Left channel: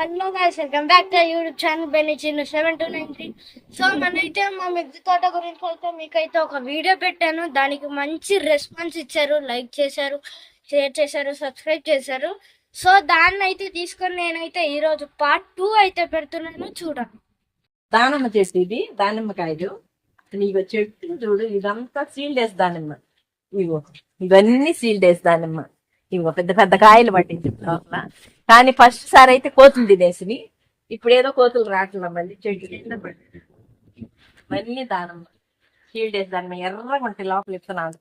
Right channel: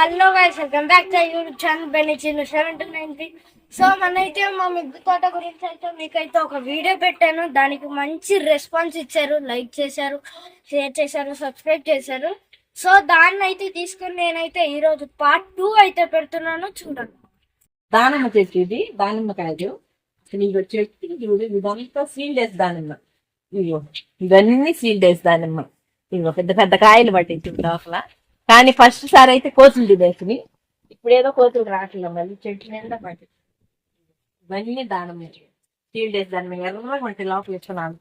Hello guys, welcome back to YouTube channel Benny Chinnu 7293. So మనైతే మా మిద్దె తోట గురించి అయితే మీకైతే ఒక వీడియో పెట్టాను. దానికి మంచి రెస్పాన్స్ ఇచ్చారు, లైక్ చేశారు, షేర్ చేశారు, సబ్స్క్రైబ్ చేశారు. సో దాన్ని అయితే తీసుకొని నేనైతే ఈరోజు పార్ట్ 2 అయితే పెడుతున్నాను, చూడండి. దానిమ్మ చెట్టు ఇది, దానిమ్మకాయలు. అసలు ఇగో చెట్టు చూడు, ఇదంతా సీల్డేస్ దానిమ్మ. ఇగో ఇవన్నీ సీల్డేస్ దానిమ్మ. ఇగో పెద్ద పెద్ద కాయలు పట్టింది లోపల. కానీ ఫస్ట్ సారి అయితే కోతులు తినేసి, ఇప్పుడు ఏదో కోతులు రావట్లే, మళ్ళీ చెట్టు నిండా పట్టింది. ఇవన్నీ దానిమ్మ సీల్డేస్ దానిమ్మ. ఎర్రగా ఉంటాయి లోపల ఇత్తనాలు.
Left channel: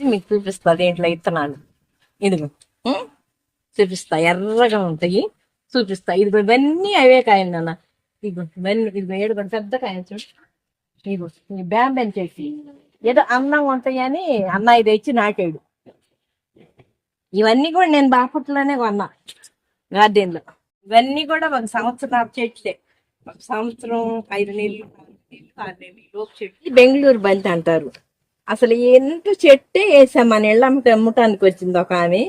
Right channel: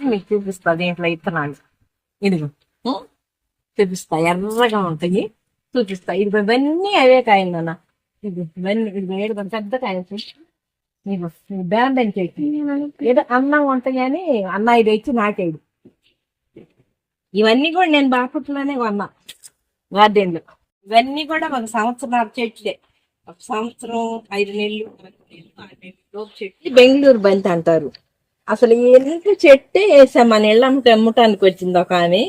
మీకు చూపిస్తా దీంట్లో ఇత్తనాలు. ఇదిగో చూపిస్తా, ఎర్రగా ఉంటాయి, చూపిస్తా. ఇదిగో ఇవన్నీ అవే కాయలు నాన్న. ఇదిగో ఇవన్నీ, ఇదిగో ఏడు పెద్ద కాయలు చూడు. ఇదిగో బ్యాంబెన్ చెట్టు. ఏదో అందంగా ఉంటాయి అని అన్న ఇది వచ్చి నాటాడు. ఇవన్నీ కూడా నేను బాపట్లోనే కొన్నా, గార్డెన్లో. ఇవన్నీ కూడా ఒక సంవత్సరం చెట్లే. ఒక సంవత్సరం 5 నెలలు 6 నెలలు లోపు చెట్లు. బెంగళూరు బంతి అంటారు. అసలు ఎంత చెట్టే వేసాం. మన ఇళ్ళ అమ్మటానికి వచ్చింది ఒక ఆమె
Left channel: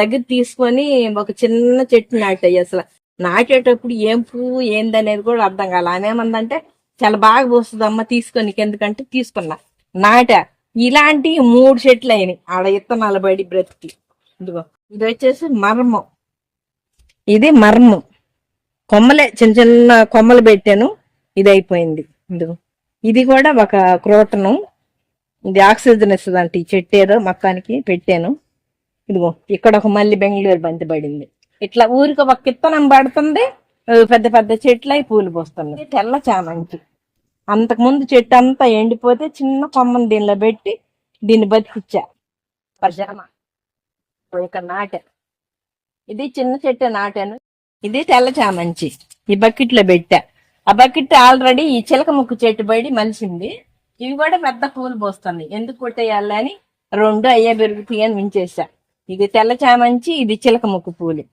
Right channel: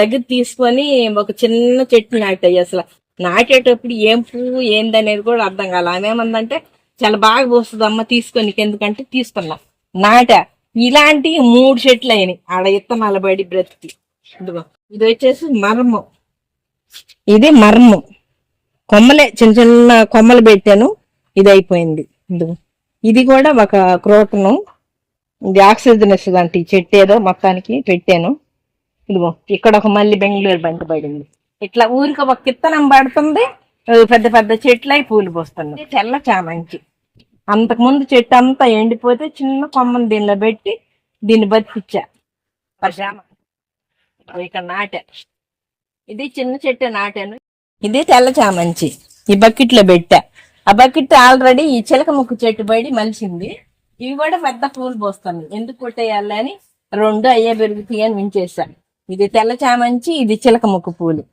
దగ్గర తీసుకొని ఒక చిన్న చెట్టు నాటాయి. అసలు నాటేటప్పుడు ఏం పువ్వు ఏందనేది కూడా అర్థం కాల. ఆమె ఏమందంటే చాలా బాగా పోస్తుంది అమ్మ, తీసుకొని ఎందుకంటే తీసుకున్నా, నాటా. ఇలాంటి 3 చెట్లు అయినాయి ఆడ ఇత్తనాలు పడి బ్రతికి. ఇదిగో ఇది వచ్చేసి మర్మం. ఇది మర్మం కొమ్మలే, చిన్న చిన్న కొమ్మలు పెట్టాను, ఇది అయిపోయింది. ఇదిగో ఇది కూడా ఒక క్రోటను. ఇది ఆక్సిజన్ ఇస్తుంది అంటే ఈ చెట్టు ఏదో మొత్తానికి పెట్టాను. ఇదిగో ఇక్కడ ఒక మళ్ళీ బెంగళూరు బంతి పడింది. ఇట్లా ఊరికి ఒక కిత్తనం పడుతుంది, పెద్ద పెద్ద చెట్లు అయి పూలు పోస్తుంది. తెల్ల చామంతి. అంతకుముందు చెట్టు అంతా ఎండిపోతే చిన్న కొమ్మను దీనిలో పెట్టి దీన్ని బతికిచ్చా. పరజామా ఇక్కడ నాటా. ఇది చిన్న చెట్టు నాటాను. ఇది తెల్ల చామంచి. ఈ బకెట్లో పెట్టా. ఆ బకెట్ ఆల్రెడీ ఈ చిలక ముక్కు చెట్టు పడి మలిసింది. ఇవి కూడా పెద్ద పూలు పోస్తున్నాయి. ఎందుకు కొట్టేయాలని 2 అయ్యే పెరుగుతాయి అని ఉంచేసా. ఇది తెల్ల చామంచి, ఇది చిలక ముక్కు పూలు.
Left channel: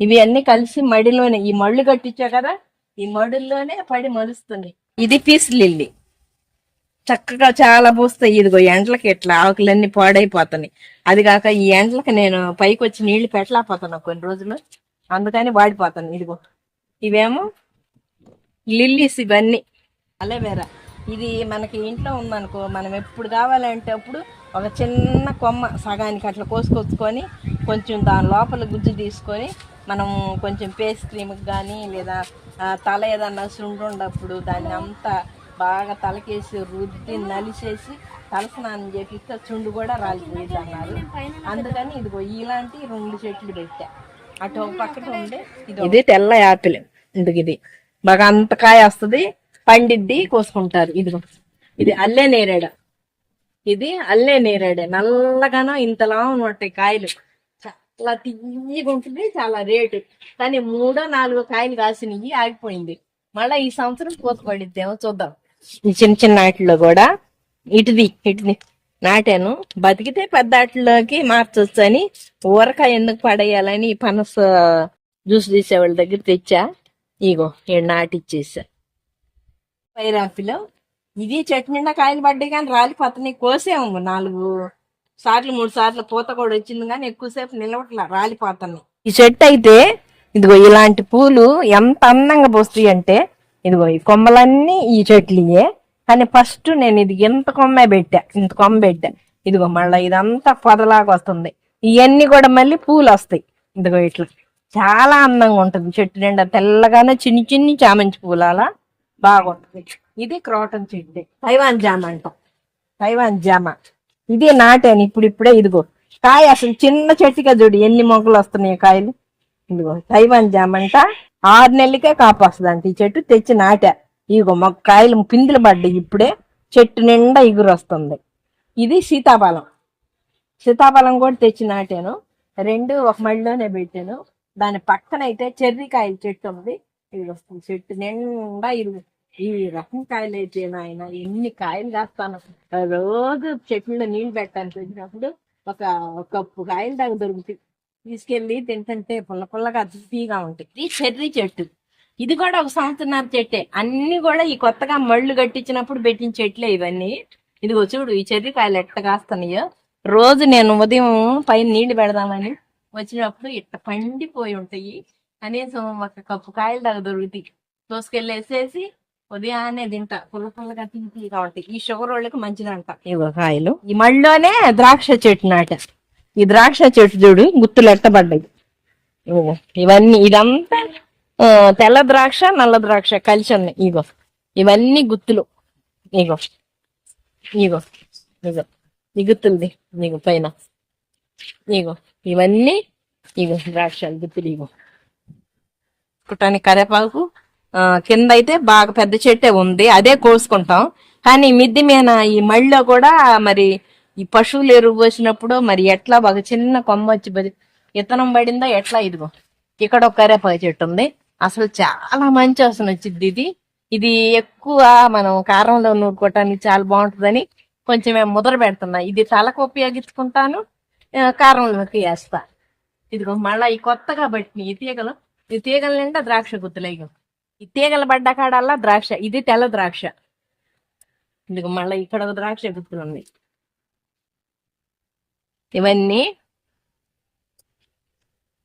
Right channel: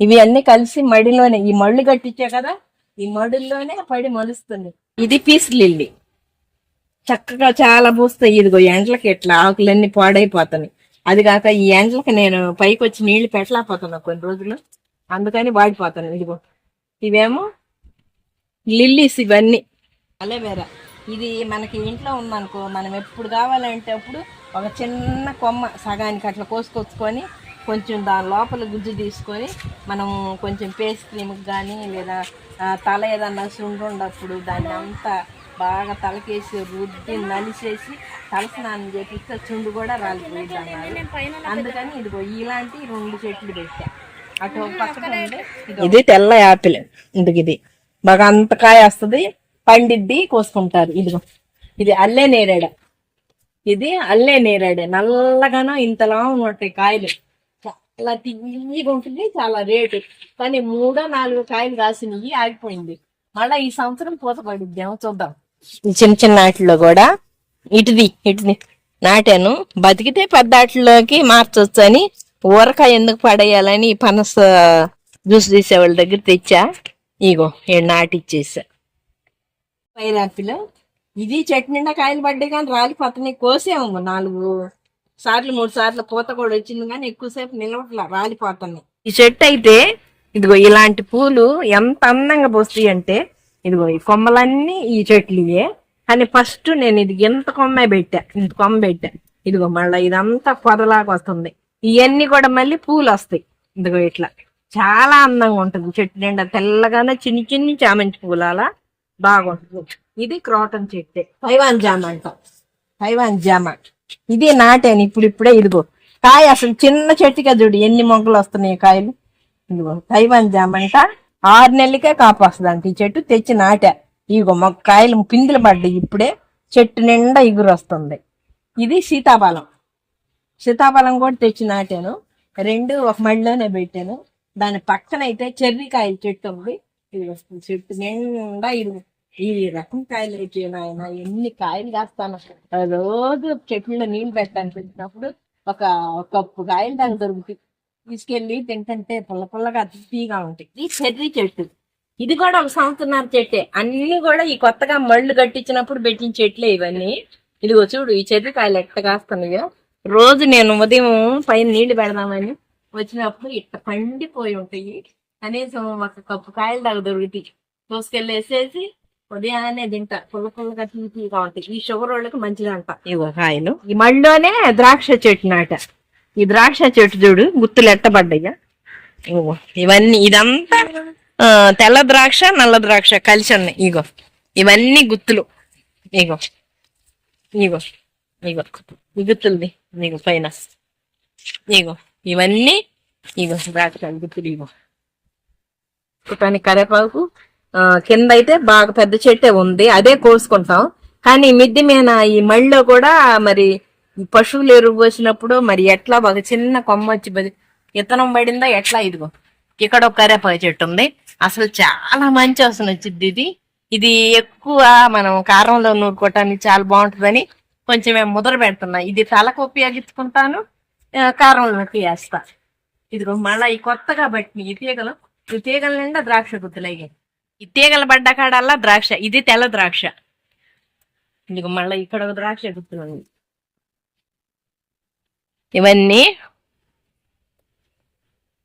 ఇవి అన్ని కలిసి మడిలోనే, ఈ మళ్ళు కట్టించా కదా, ఈ మడుల్లోనే పడి మలుస్తుంది. ఇది పీస్ లిల్లీ. చక్కగా చాలా పూస్తాయి. ఇదిగో ఎండ్లకి ఇట్లా ఆకులన్నీ పాడైపోతున్నాయి. అది కాక ఈ ఎండ్లకి నేను పైకి వచ్చి నీళ్లు పెట్టలేకపోతున్నా కొన్ని రోజులు, అందుకని వాడిపోతాను. ఇదిగో ఇవేమో లిల్లీస్. ఇవన్నీ అలోవెరా. ఇది మనకి ఇంట్లో ఉందనుకో, మనం ఎప్పుడు కావాలంటే అప్పుడు ఒక చిన్న కొమ్మ సగానికి అట్లా కోసుకొచ్చుకొని కొంచెం దాని లోపల గుజ్జు తీసుకొని మనం కొంచెం ఫేస్ క్రీమ్కి కానీ లేదా తల ఏదన్నా సుండున్నప్పుడు దాన్ని అంతా బాగా తలకేసి రుద్ది నలిసేసి తలస్నానం చేపిస్తే చుండు కూడా రాలిపోయింది అన్నారు. అందుకని ఇదిగో ఇలాంటి 2 చెట్లు పెట్టా. అటు ఒక పక్కన ఉండే ఇది తెల్ల యాపిల్. ఇందుకు ఇది బాగా అంత కాయ వస్తుంది, పండిద్ది, కోసుకుంటారు. ఇదిగో ఇది అల్లే నేరేడ. ఇది అల్లే నేరేడే. నల్లగానో ఇంతలా ఉంటాయి కాయలు. చాలా తియ్యగా ఉంటుంది, చాలా రేటు. కానీ 3-4 కాయలు కాసినవి ఆగిపోయింది. మళ్ళీ ఈ సంవత్సరం పూత పడిద్దేమో చూద్దాం. ఈ చిన్న చిన్న వాటిలో కూడా ఇటుది నాటాను. బతికితే పెద్ద వాటిలోకి మార్చొచ్చు అని ఊరకాయ ఎందుకు పడేయాలని పనస జ్యూస్ తీసేవాళ్ళ దగ్గర తెచ్చా. ఇగో నాటిచ్చేసా. పైరాపిల్. ఇది చెట్టు నిండా కాయలు పడ్డాయి కానీ రాలిపోతున్నాయి. కోసాము 4 సార్లు 3 సార్లు పూత కూడా వచ్చింది కానీ ఎక్కువసేపు నిలవట్లా, రాలిపోతున్నాయి. ఈ చెట్టు అయితే ఇదిగో ఇలాంటి పూలు ఎంత అందంగా పోస్తాయి అంటే, ఇదిగో ఈ కొమ్మలన్నీ ఈ చెట్లుయే. కానీ ఫస్ట్ నేను ఇది ఇంత కొమ్మ పెట్టా. ఇదిగో మళ్ళీ ఇదంతా పొదలాగా వస్తుంది. ఇవన్నీ కూడా మళ్ళీ పూలు వస్తాయి. ఇదిగో ఇట్లా చాలా అందంగా ఉంటుంది. చెట్టు నిండా తెల్లగానే చిన్ని చిన్ని చామంతి పూలు అలా బాగుంటుంది. ఇది క్రోటన్ చెట్టు. తైవాన్ జామ అంటాం, తైవాన్ జామ. ఇది నాటాను ఇప్పుడిప్పుడే. ఇదిగో కాయ అసలు చిన్న చెట్టుగా చూడు ఎన్ని మొగ్గలు వస్తున్నాయి కాయలు. ఇదిగో తైవాన్ జామ అంట. 6 నెలలకే కాపు వస్తుంది అంటే ఈ చెట్టు. తెచ్చి నాటా. ఇగో కాయలు పిందులు పడ్డాయి ఇప్పుడే. చెట్టు నిండా ఇగురు వస్తుంది. ఇది సీతాఫలం. సీతాఫలం కూడా తెచ్చి నాటాను. 2 ఒక మడిలోనే పెట్టాను. దాని పక్కన అయితే చెర్రీకాయల చెట్టు ఉంది. ఇది వస్తుంది చెట్టు నిండా. ఈ రకం కాయలు అయితే నాయన ఎన్ని కాయలు కాస్తాను. రోజు చెట్లలో నీళ్లు పెట్టాను. పెట్టినప్పుడు ఒక కప్పు కాయలు దాకా దొరుకుతాయి. తీసుకెళ్ళి తింటుంటే పుల్ల పుల్లగా తీగా ఉంటాయి. ఇది చెర్రీ చెట్టు. ఇది కూడా ఒక 1.5 సంవత్సరం చెట్టే. అన్ని కూడా ఈ కొత్తగా మళ్ళు కట్టించినప్పుడు పెట్టిన చెట్లే ఇవన్నీ. ఇదిగో చూడు ఈ చెర్రీ కాయలు ఎట్ట కాస్తున్నాయో. రోజు నేను ఉదయం పైన నీళ్లు పెడదామని వచ్చినప్పుడు ఇట్లా పండిపోయి ఉంటాయి. కనీసం ఒక కప్పు కాయలు దాకా దొరుకుతాయి. దోసుకెళ్ళేసేసి ఉదయాన్నే తింటా. పుల్లగా తీగా ఉంటాయి. ఈ షుగర్ వాళ్ళకి మంచిదంట ఇవో కాయలు. ఈ మళ్ళీనే ద్రాక్ష చెట్టు నాట. ఈ ద్రాక్ష చెట్టు చూడు గుత్తులు ఎట్టబడ్డాయ్యా. ఓ ఇవన్నీ ఇదంతా తెల్ల ద్రాక్ష నల్ల ద్రాక్ష కలిసి ఉన్నాయి. ఇగో ఇవన్నీ గుత్తులు. ఇగో ఇగో ఇగో ఈ గుత్తులది. ఇగో పైన ఇగో ఇవన్నీ ఇగో ద్రాక్ష గుత్తులు. ఇగో పుట్టానికి కరేపాకు కింద అయితే బాగా పెద్ద చెట్టే ఉంది, అదే కోసుకుంటాం. కానీ మిద్ది మీద ఈ మళ్ళీ కూడా మరి ఈ పశువులు ఎరువు పోసినప్పుడు మరి ఎట్లా బాగా చిన్న కొమ్మ వచ్చి ఇత్తనం పడిందా ఎట్లా. ఇదిగో ఇక్కడ ఒక కరేపాకు చెట్టు ఉంది, అసలు చాలా మంచి వాసన వచ్చింది. ఇది ఎక్కువ మనం కారంలో నూరుకోవటానికి చాలా బాగుంటుందని కొంచెం మేము ముద్ర పెడుతున్నా. ఇది తలకు ఉపయోగించుకుంటాను, కారంలోకి వేస్తా. ఇదిగో మళ్ళీ ఈ కొత్తగా పట్టిన ఈ తీగలు, ఈ తీగల నిండా ద్రాక్ష గుత్తులయ్యి. ఈ తీగలు పడ్డ కాడల్లా ద్రాక్ష. ఇది తెల్ల ద్రాక్ష. ఇదిగో మళ్ళీ ఇక్కడ ఒక ద్రాక్ష గుత్తులు ఉంది. ఇవన్నీ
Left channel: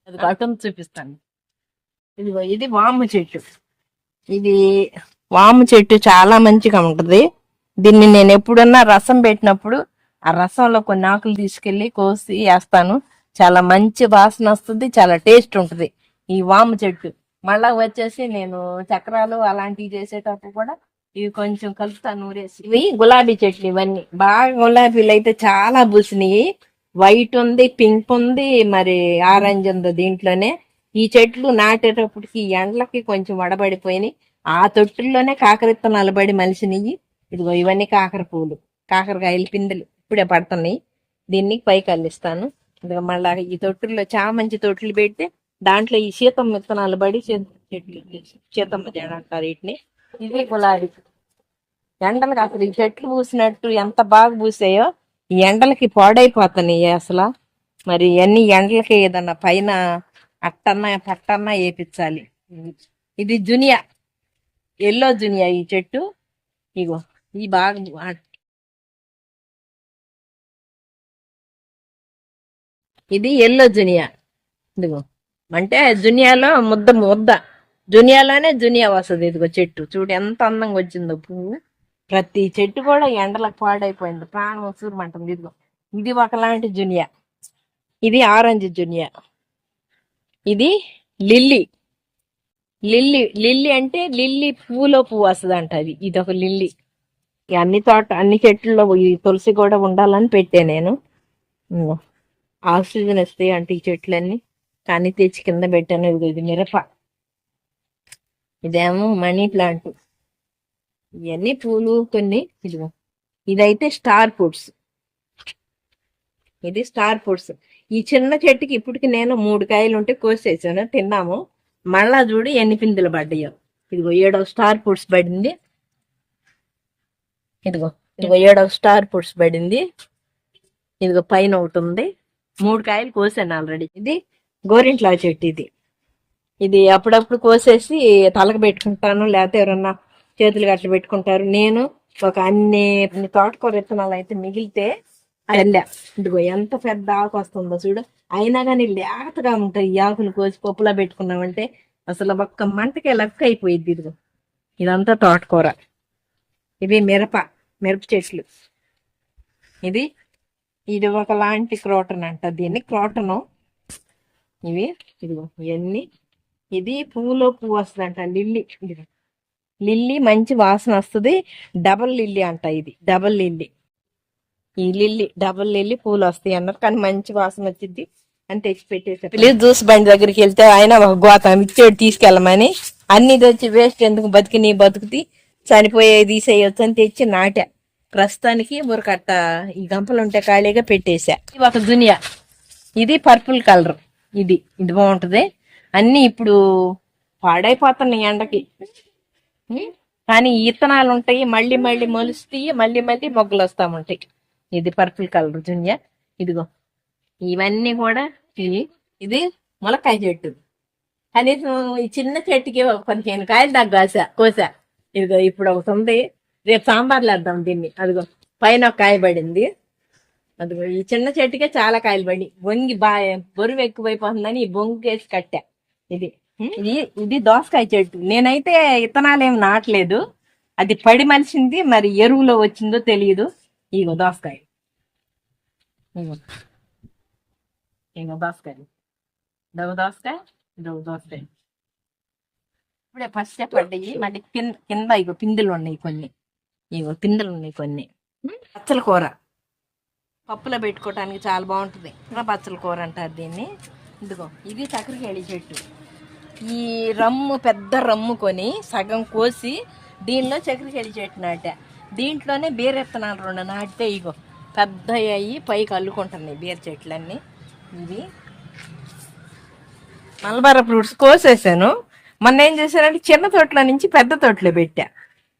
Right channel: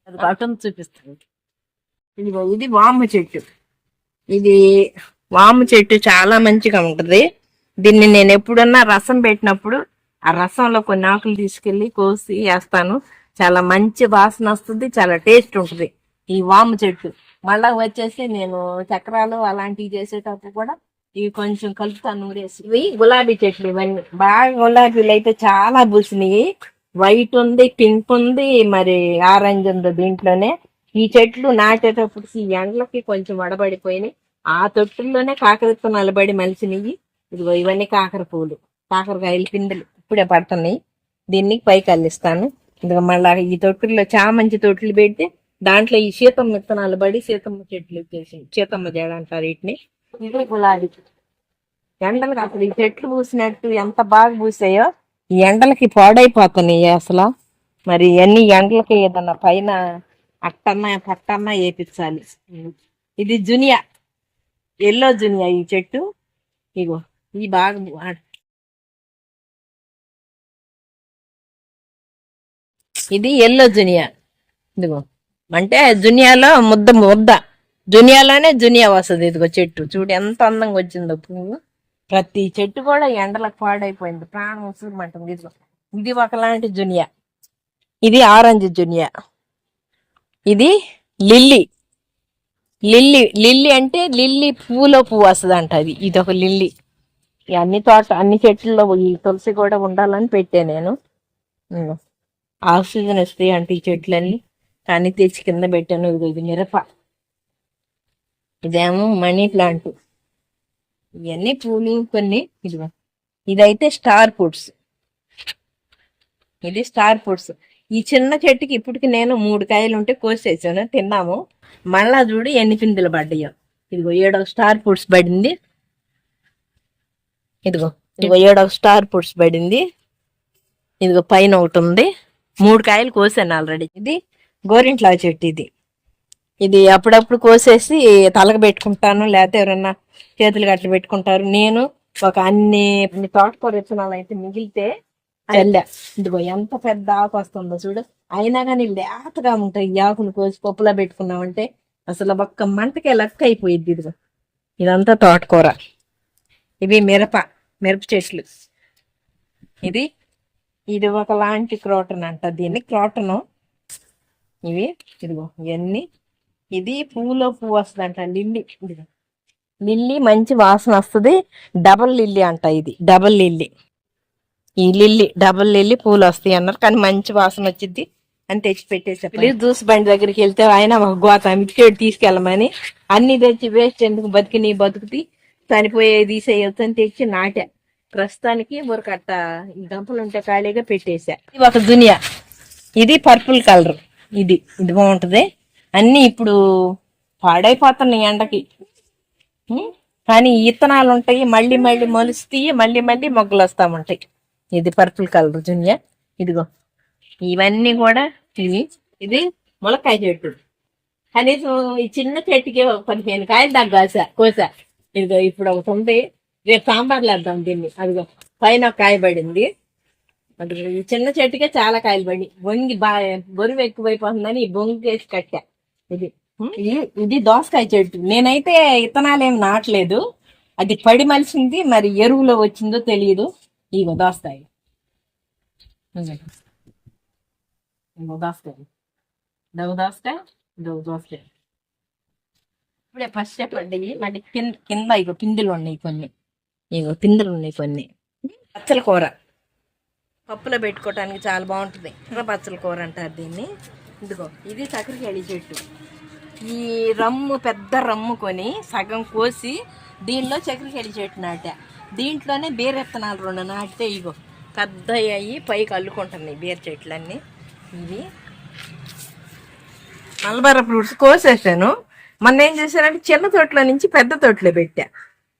అది అటు చూపిస్తాను. ఇదిగో ఇది వాము చెట్టు. ఇది వాము చెట్టు చాలా మంచిగా ఉంటది. దీన్ని నేను ఎప్పుడన్నా రసం పెట్టినప్పుడు ఆ రసంలో కొన్ని ఆకులు తీసుకెళ్లి కోసి వేస్తాను. చాలా మంచి వాసన వస్తుంది, చాలా టేస్ట్ ఉంటుంది ఈ వాము చెట్టు. మళ్ళా వచ్చేసి నేను చక్రాలు అలాంటివి చేసేటప్పుడు కూడా ఇవి కొంచెం కలుపుతాను నూరేసి. ఇవి గులాబీ చెట్లు. ఇవన్నీ బాగా గులాబీలు అయితే చాలా పూసినాయి. వైట్ ఉంది, పింక్ ఉంది, మరి ఆరెంజ్ ఉంది దీంట్లోనే. ఈ చెట్లు నాటేటప్పటికి ఈ ఎండలకి కొంచెం వడబడిపోయినాయి. ఆ తొట్టుల్లోనే కాకరిత్తనాలు పడి మలిసినవి. ఇదిగో ఇవన్నీ కాకర పూలు, కాకరకాయలు పిందెలు ఇప్పుడే పడుతున్నాయి. దీన్ని పైకి అల్లిస్తాను. ఇదిగో మళ్ళా ఈ తొట్టుల్లో చామంచి తొట్టులు పెడితే దాంట్లో ఈ సీతమ్మ విత్తనాలు పడి సీతమ్మ చెట్లు వచ్చేసి సీతమ్మ జడ అంటారు వీటిని. ఇది గులాబీ. ఎండలకు అసలు ఈ చెట్లు పూసినట్టు ఎంత బాగా పూసాయో ఈ ఎండలకి పాడైపోతున్నాయి అసలు. మరి అన్ని ఎండలకి ఏదన్నా పైన అట్టన్నా పట్టన్నా వేపించాలి. ఇది జునియా, ఎల్లో జునియా ఈ చెట్టు. ఇగో ఇది బాగా ఇది ఎల్లో జునియా. ఇదిగో అంటే జునియాలో ముద్ద జునియాలోనే జునియా వస్తుంది. ఇదిగో చెట్టు చూడు ఎంత అందంగా వచ్చిందో పువ్వు. ప్రతి చెట్టు కూడా ఎండలకు పాడైపోయింది, ప్రాణం ఉసురుమంటుంది. ఇదిగో ఇది ఒకలాంటి జునియా. ఇది ఆరెంజ్ జునియా. ఇది లిల్లీ. లిల్లీ అంటే లిల్లీ పువ్వులో పువ్వు వస్తుంది అంట. ఇది ఒక లిల్లీ. అన్ని చెట్లలో ఈ తులసి కూడా ఉండాలని పెట్టే నేను. ఆక్సిజన్ వస్తాయి అంటే ఈ చెట్లన్నీ, కానీ తెచ్చి కింద పెట్టాను. ఇది మిరప. ఇదేమో మనీ ప్లాంట్. ఇవన్నీ పూలు కొన్ని. ఇదిగో ఇదైతే స్టార్ ఫ్రూట్స్. ఇది స్టార్ ఫ్రూట్స్. ఈ చిన్న చెట్టుకి ఇప్పటికి నేను 3 కాయలు ఉంటే కోసేసాను, తిన్నాము. మళ్ళా చూడు ఎన్ని పిందులు పడ్డాయో. ఇదిగో 7వ స్టార్ ఫ్రూట్స్ పడింది. ఇదిగో 7వ స్టార్ ఫ్రూట్స్ పడింది. ఇదిగో పైన ఒకటి ఉంది. 3 కాయలు కోసాను ఆల్రెడీ. ఇది గోరింట్లా చెట్టు. ఇది అప్పుడప్పుడు కోసేసి తలకు పెట్టుకుంటాను, లేకపోతే ఎవరన్నా చేతులు గట్ల పెట్టుకుంటారు. నేను ఒక అన్ని తోటకూర విత్తనాలు అయితే మిగిలితే వెళ్ళా. ఇదిగో ఎంత పెద్ద ఆకు వస్తుందో చూడు. అయినా కానీ లేతగా ఉంటాయి ఈ ఆకులు. కోసి పప్పులా పెట్టుకున్నామంటే అసలు ఒక్క మంటకే లెక్క అయిపోయింది. ఇదిగో ఇదంతా తోటకూర. ఇవి మిరప చెట్లు. ఇది ఒకలాంటి క్రోటన్ అంట, దీన్ని క్రోటను. ఇదిగో ఇవన్నీ. ఇది పువ్వులో పువ్వు వస్తుంది అంట, లిల్లీ. ఇదిగో లిల్లీ మంచి వాసన వస్తుంది. డబల్ లిల్లీ అంట, ఇది డబల్ లిల్లీ. ఈ లిల్లీ డబల్ లిల్లీ పూలు వస్తాయి అన్నారు, కానీ మంచి వాసన వచ్చింది అని తెచ్చి పెట్టేసా. ప్లీజ్ జ్యూస్ బండి దగ్గరికి వెళ్తే ఆయన ఒక గోత మిక్చేడు తీసుకెళ్ళమని, అన్ని తెచ్చి వేస్ట్ ఎందుకు, బతుకుతి చనిపోయేది తీసేయొచ్చు అని తెచ్చి నాటా. ప్రస్తుతానికి ఊరకట్ట ఈ గంపలు ఉంటే ఖాళీగా పెట్టేశా. ఇది ఒక జునియా. ఇది పర్పుల్ కలర్. ఇది బాగుంటది. అన్ని ఇప్పుడు పాడైపోతున్నాయి ఎండకి, కానీ ఇత్తనాలు ఉంటాయి, మళ్ళీ మొలుస్తాయి, మళ్ళీ మొగ్గలు వస్తా ఉంటాయి. ఇది పర్పుల్ కలర్ జునియా. ఇదిగో ఇవన్నీ కూడా ఇది ములక్కాయ చెట్టు. కనీసం ఈ చిన్న చెట్టుకి 15 కాయలు దాకా కోసా. ఇదిగో ఇప్పుడు ఒకటి ఉంది, రేపు సాంబార్లు వేద్దాం దీన్ని. అదిగో పైన ఒక కాయ పడింది. అది ఈ చిన్న చెట్టుకే చాలా కాయలు పడి వంగి బరువు ఎక్కువైపోతుందని ఈ బొంగేసి కట్టా. ఇది ఇది ఇది దోసకాయ చెట్టు. నేనైతే విత్తనాలు ఏమి నాటలేదు, అది పడి మలిసింది, మరి ఎరువులో వచ్చిందో తెలియదు. ఇగో దోసకాయలు, ఇగో దోసకాయలు, దోసకాయ, దోసకాయ ఇప్పుడే ఫస్ట్ పడ్డాయి. మళ్ళీ కింద ఇగో పిందులు ఉన్నాయి కొన్ని, ఇగో పిందులు ఉన్నాయి కొన్ని. పచ్చల కూర పప్పులో పెట్టుకోవటానికి చాలా బాగుంటుంది. పచ్చల కూర అంటారు దీన్ని. ఇదిగో ఇది చక్కెరకేళి చెట్టు. ఈ రమ్ము పెద్ద రమ్ము కొని సగం కోసి దీనిలో చక్కెరకేళి చెట్టు నాటా. దీంట్లోనే బీర విత్తనాలు 2 నాటితే ఇగో పెద్ద అయ్యి పైకి అల్లుకుంటున్నాయి బీర చెట్లన్నీ. ఇవి మలబార ఫ్రూట్స్ కోసేసాను. మొన్న ఏం చేశానంటే చిన్న తోటలో నుంచి పెద్ద తోటలో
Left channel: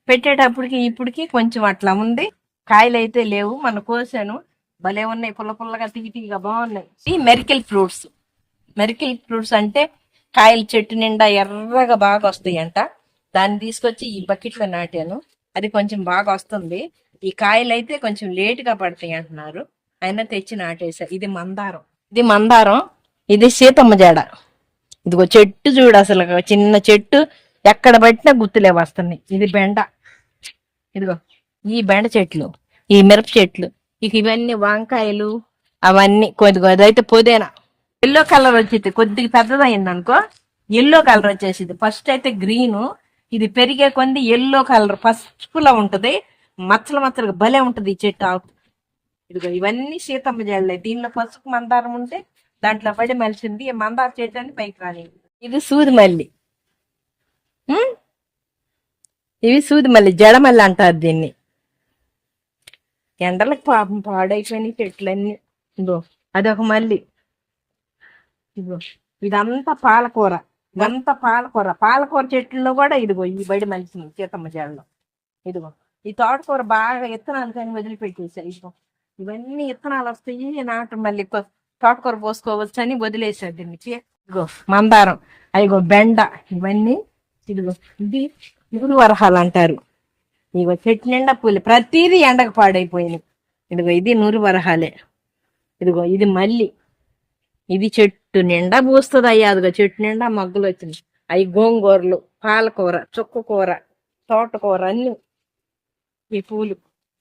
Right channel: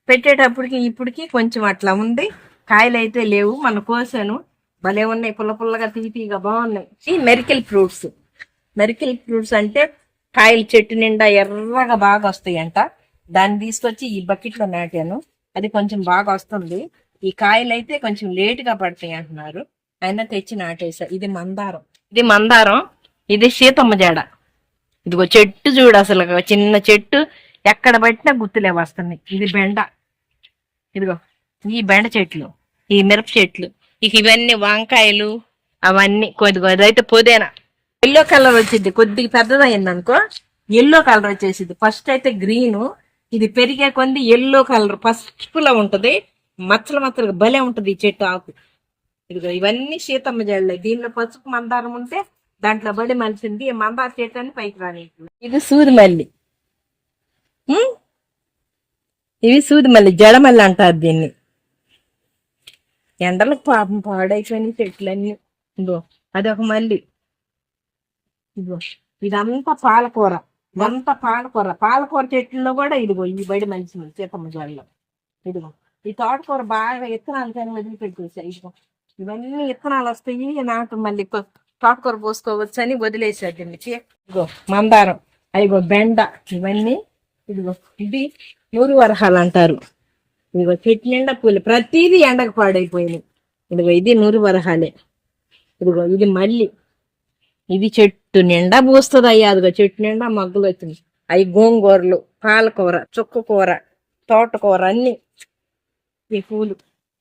పెట్టేటప్పటికి ఇప్పటికి కొంచెం అట్లా ఉంది. కాయలు అయితే లేవు. మన కోసాను, భలే ఉన్నాయి, పుల్ల పుల్లగా తీపిగా బాగున్నాయి. ఈ మెరికల్ ఫ్రూట్స్ అంటే కాయలు చెట్టు నిండా ఎర్రగా బాగా వస్తాయి అంట. దాన్ని తీసుకొచ్చి ఈ బకెట్లో నాటాను. అది కొంచెం బాగా వస్తుంది. ఈ కాయలు అయితే కొంచెం లేటుగా పడతాయి అంటున్నారు, అయినా తెచ్చి నాటేసా. ఇది మందారం, ఇది సీతమ్మ జాడ. ఇదిగో చెట్టు చూడు, అసలు చిన్న చెట్టు, ఎక్కడ పట్టినా గుర్తులే వస్తున్నాయి. ఇది బెండ, ఇదిగో ఈ బెండ చెట్లు, ఈ మిరప చెట్లు, ఇక ఇవన్నీ వంకాయలు, అవన్నీ కొద్దిగా. అదైతే పుదీనా ఎల్లో కలర్ వచ్చింది, కొద్దిగా పెద్దదయింది అనుకో ఎల్లో కలర్ వచ్చేసింది. ఫస్ట్ అయితే గ్రీను, ఇది పెరిగే కొంది ఎల్లో కలర్ పసుపులా ఉంటది, మచ్చలు మచ్చలుగా భలే ఉంటది ఈ చెట్టు ఆకు. ఇదిగో ఇవన్నీ సీతమ్మ జల్లే. దీనిలో పసుపు మందారం ఉంటే దాంట్లో పడి మలిసింది. మందార చెట్టు అని పైకి రాని. ఇది సూది మల్లి, ఇవి సూది మల్లి, జడమల్లి అంటారు దీన్ని. ఎండలకు పాపం పాడైపోయినాయి చెట్లన్నీ. ఇదో అదొక మల్లి. ఇదిగో ఇదంతా పాలకూర, పాలకూర చెట్లలో కూడా ఇదిగో ఈ బడి మలిసింది సీతమ్మ జడలో. ఇదిగో ఈ తోటకూర బాగా ఇత్తనాలు కానీ వదిలిపెట్టేసా. ఇదిగో ఇవన్నీ ఇత్తనాలు వస్తాయి, నాటు మళ్ళీ తోటకూర పోసుకోవచ్చు అని వదిలేసా దీన్ని. ఇదిగో మందారం, అదిగో బెండ, ఇవన్నీ. ఇదిగో ఇది 100 వరహాలు అంటారు. ఇదిగో చెట్టు నిండా పూలు, ప్రతిదీ ఎండకు పాడైపోయినాయి. ఇదిగో ఇది 100 వరహాలే. ఇదిగో ఇది మల్లి, ఇది చెట్టు నిండా పూస్తుంది. అయ్యా అదిగో చెట్టు నిండా మగ్గులు వచ్చింది. అవి గోంగూరలు, పాలకూర, చుక్కకూర, తోటకూర అన్ని. ఈ పూలు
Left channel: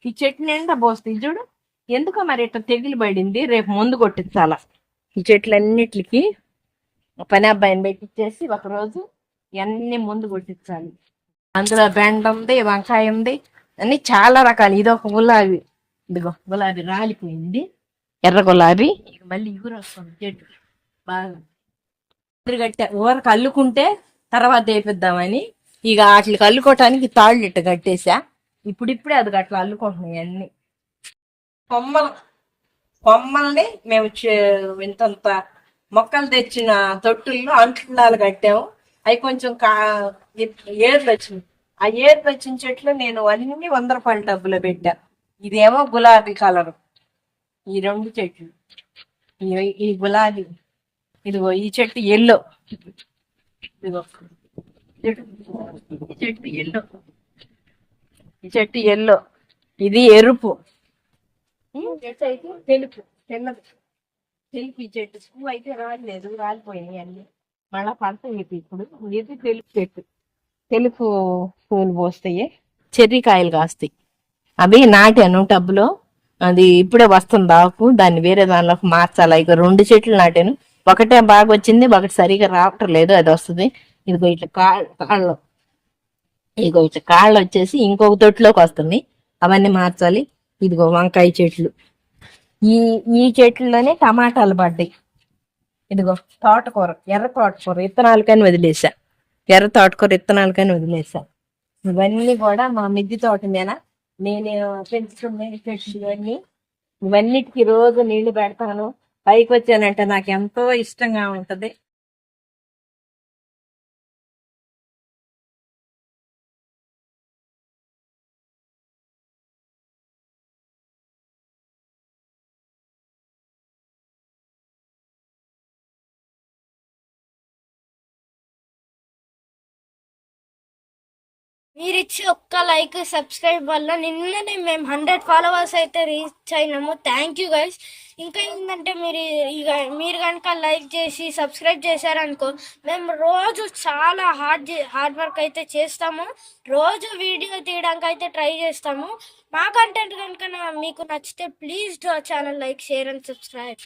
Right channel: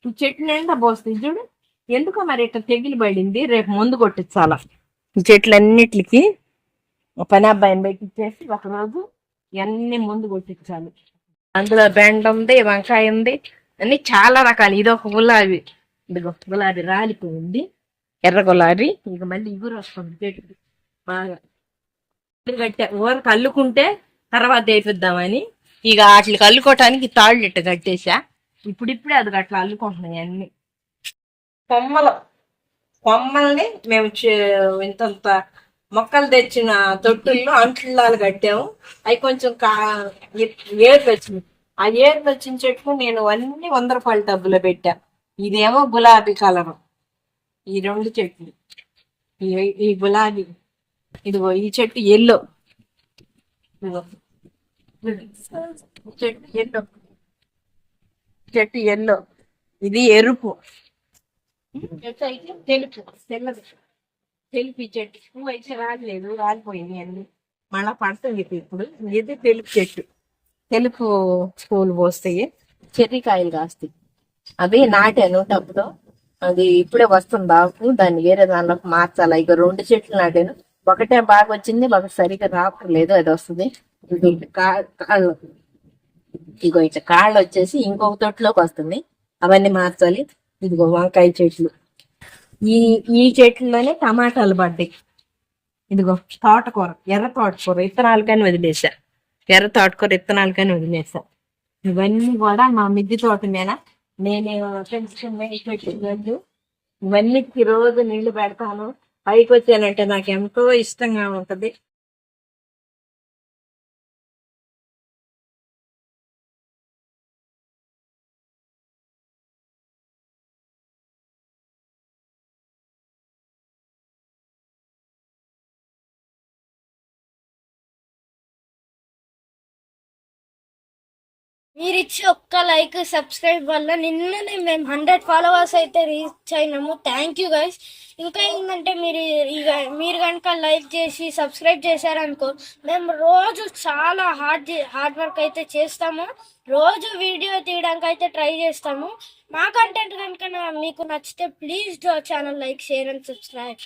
ఈ చెట్టు నిండా పోస్తాయి చూడు. ఎందుకో మరి ఇట్లా తెగిలి పడింది, రేపు మందు కొట్టించాలా ఈ చెట్లన్నిటికి. పని అబ్బాయిని పెట్టించేసి ఒకరోజు ఇవన్నీ ముందు కొట్టించాలి. అందులో బెండ ఉంది, వంకాయ ఉంది, అన్ని చాలా రకాలు. ఇది ఒక గులాబీ, ఇదిగో గులాబీ రాలిపోయింది, ఎర్ర గులాబీ. ఇక మళ్ళీ ఇగురు వస్తుంది చెట్టుకి బాగా. కట్టా ఊరకు అల్లుకుంటే తర్వాత వేపిద్దామని. ఇక వాటికి అల్లుకోవటానికి తాళ్ళు ఇట్ట కట్టేసా. ఇప్పుడిప్పుడే అది అట్లా అల్లుకుంటున్నాయి అన్ని. కొమ్మల్ని మేము ఇంతంత మొక్కలు తెచ్చిన తొట్టుల్లో అంట్లాలు కట్టాము. అవి కొంచెం ఏర్లు వచ్చినాయి. ఆ ఏర్లు వచ్చిన చెట్లు నేను అన్ని 100 రూపాయల టబ్బులో పెట్టా. ఇదేమో గులాబీ కలరు, ఈ 2 చెట్లు, ఈ గులాబీ. ఇదిగో ఈ చెట్టు ఎల్లో, ఇదిగో ఈ చెట్టు ఎల్లో, ఈ చెట్టు ఎల్లో, ఇది ఎరుపు. చెట్టు అయితే తెలుపు ఈ చెట్టు. పువ్వు అయితే రాలేదు, రాలిపోయింది అన్ని. మళ్ళా పడుతుంది ఇప్పుడు. ఇది తెలుపు చెట్టు, తెలుపు పువ్వులు పోస్తాయి, చెర్రీకాయలు కాస్తాయి. అవి నాటాను టబ్బులో. అది ఇప్పుడే వస్తుంది ఆకు, దాన్ని వేరే దానిలోకి మార్చాలి. ఇక 2 చెట్లు నాటాను, ఒకటే బాగా వచ్చింది, ఒకటి సరిగా రావటం లేదు. అది వస్తుంది. ఇదిగో ఇట్లా కాళ్ళు, ఇదిగో ఇట్లా కాళ్ళు వచ్చేసి ఇంకొక తొట్టులోకి వస్తుంది, అవన్నీ మార్చాలి. ఇదిగో వంకాయ చెట్లు, ఈ చెట్లలోనే టమాటాలు పడ్డాయి. ఇదిగో తోటకూర, ఎర్ర తోటకూర విత్తనాలు కానీ వదిలేసా, ఇవన్నీ కూడా మా మిద్దె తోట మీద నేను పెంచుకునే చెట్లు. ఇవన్నిటికీ రోజు నీళ్లు పెడతాను. పైకి వచ్చానంటే నాకు ఎంతో ఇష్టంగా ఉంటది. మీరు ఇచ్చి ఒక్క లైక్ సబ్స్క్రైబ్ వల్ల నిన్ననే మేము 100 ఫాలోవర్స్ అయితే రీచ్ అయినాము. Thank you guys. ఇంకా ఏంటంటే మీరు కనుక లైక్ చేసి సబ్స్క్రైబ్ చేశారనుకో, మేము రోజు చాలా హార్డ్ వర్క్ అయితే చేస్తాము. రోజు వీడియో తీయడానికి అయితే ట్రై చేస్తాము. మా కంటెంట్ కనుక మీకు నచ్చితే please do channel like share and subscribe.